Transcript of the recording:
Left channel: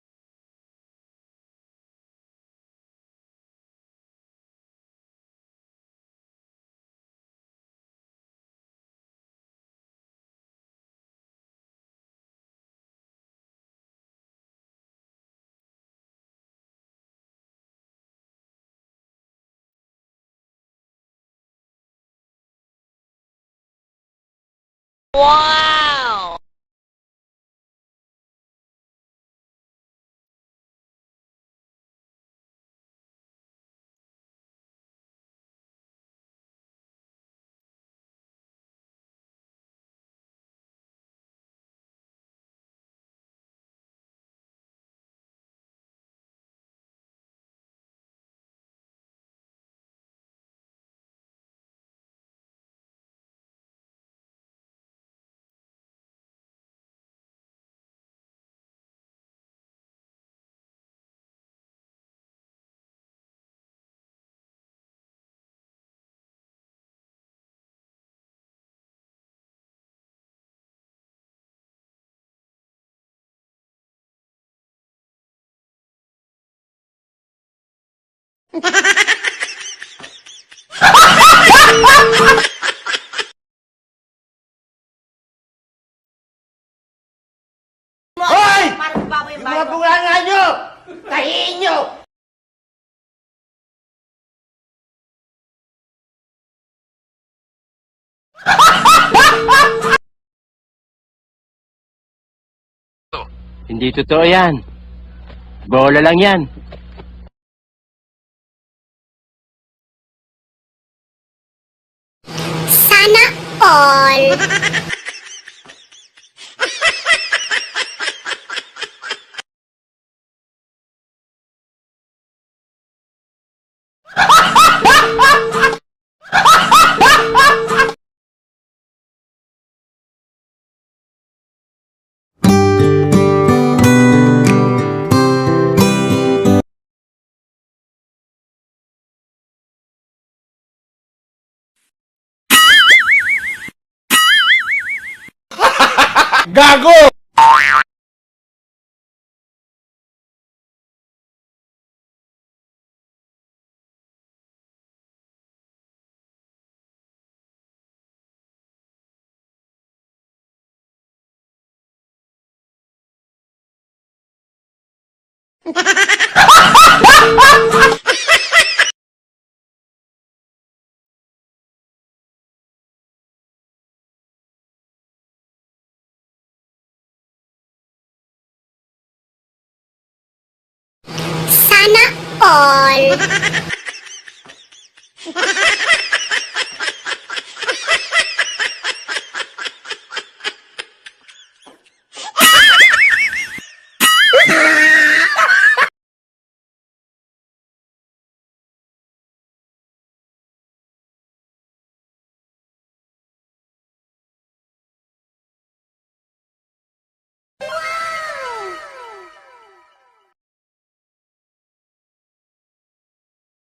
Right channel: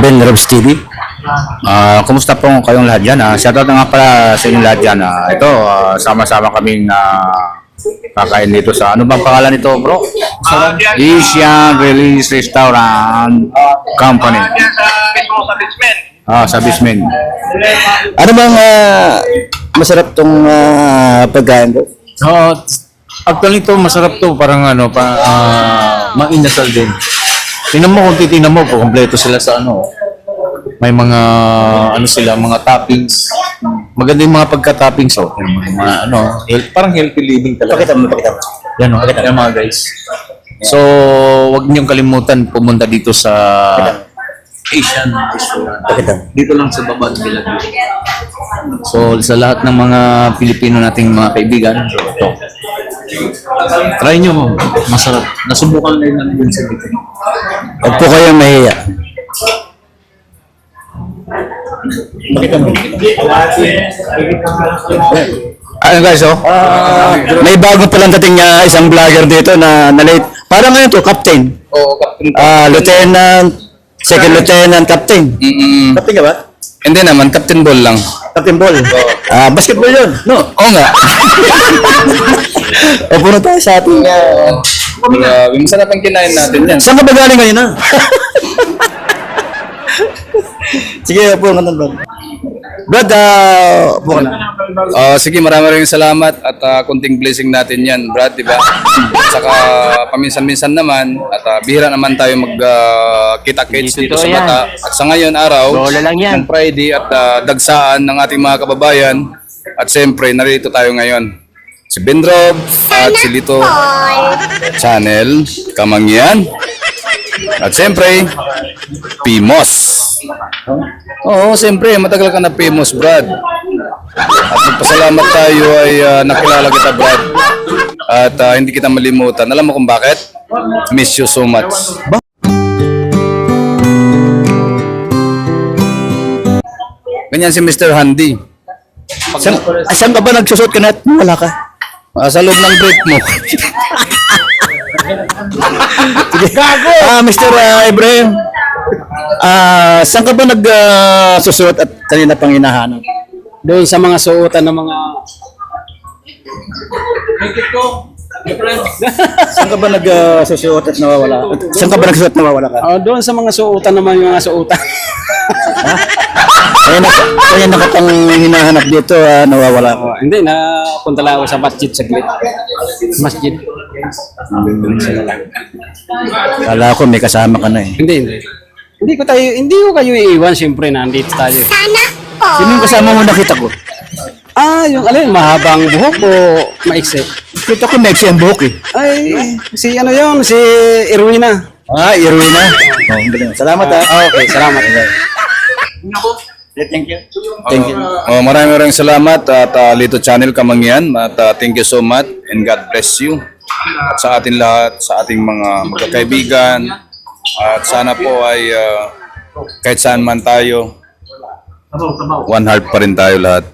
Ben Robs TV. Kumusta po kayong lahat dyan? Shoutout na nga pala sa inyong lahat dyan. Ito, sama-sama kaming kakain dito sa, ano bang pangalan nito bro? Asian Release Restaurant Company. Sa Bismen. Ano bang masarap tong pagkain ko? Actually to masarap to, parang ano, mainasal din. Tingnan mo kung titingnan mo, kompleto sila sa ano. May mga ano sila, mga toppings. Maganda yung mga pagka-toppings oh. Yung mga ano, parang healthy living talaga. Pakita mo. Yan oh, yan mga guys. So, wag niyong kalimutan pumunta dito sa Asian Restaurant. Pakita mo. Dito lang sa baba nila. So, sa lahat ng mga Pilipino nating mga kaibigan, ito. Try nyo mo. Masarap. Nasubukan na yun din sa dito. Huwag po kayong mahiya. Pakita mo. Ano guys, May bago palang dating isang vlogger dito na late. Parang ngayon to, captain. Oo, Captain. Lieutenant, second lieutenant, captain. Captain ka ba? Hindi naman, Captain Ball lang. Captain Ball. Basketball yun. No. Oo nga. O puno tayo sa ating... Masarap ang kinain natin yan. Saan ka ba galing ngayon ha? Sige, upo ka naman. Brad, upo ka na. Sige, maraming salamat at kunting blessing natin yan, Brad, di ba? Saka paminsan-minsan naman at bihira naman tayo magkita-kits dito sa Bata. At sa ngayon araw, Bola lang yan. Friday at dagsaan ng ating mga kababayan. At siyempre, narito tayo ngayon. Si Ben Rob at si Lito Channel, Kamangyan. At siyempre, Pimos. Oo, siyempre, matagal ka na Pimos, Brad. At pasalamat tayo ay nakilala kita, Brad. At hindi kita malimutan. Alam mo kung bakit? Miss you so much. Ganyan si Mr. Handy. Saan ka ba nagsusot ka na at wala ka? Sa loob ng break mo. Gago! Mr. Ibrahim, saan ka ba nagsusuot at kanina pang hinahanap? Doon sa mga suotan ng mga... Saan ka ba nagsusuot at nawawala? Saan ka ba nagsusuot at nawawala ka? doon sa mga suotan naman yung mga suotan. Kaya na kitang hinahanap dito, nawawala ka. Hindi, napunta lang ako sa masjid saglit. Masjid. Kala ko may kasama ka na eh. Hindi. Hindi ko kayo iiwan, siyempre, nandito tayo. Sino yung kasama mo nakita ko? Yung alin, mahabang buhok o maiksi? Kita ko next yung buhok eh. Ay, si ano yun, si Irwina. Irwina. Salamat Okay, salamat. Thank you. Maraming salamat at Lito Channel Kamangyan. At thank you so much and God bless you. At sa atin lahat, sa ating mga magkakaibigan. At sana po ay kahit saan man tayo, one heart pa rin tayo lahat.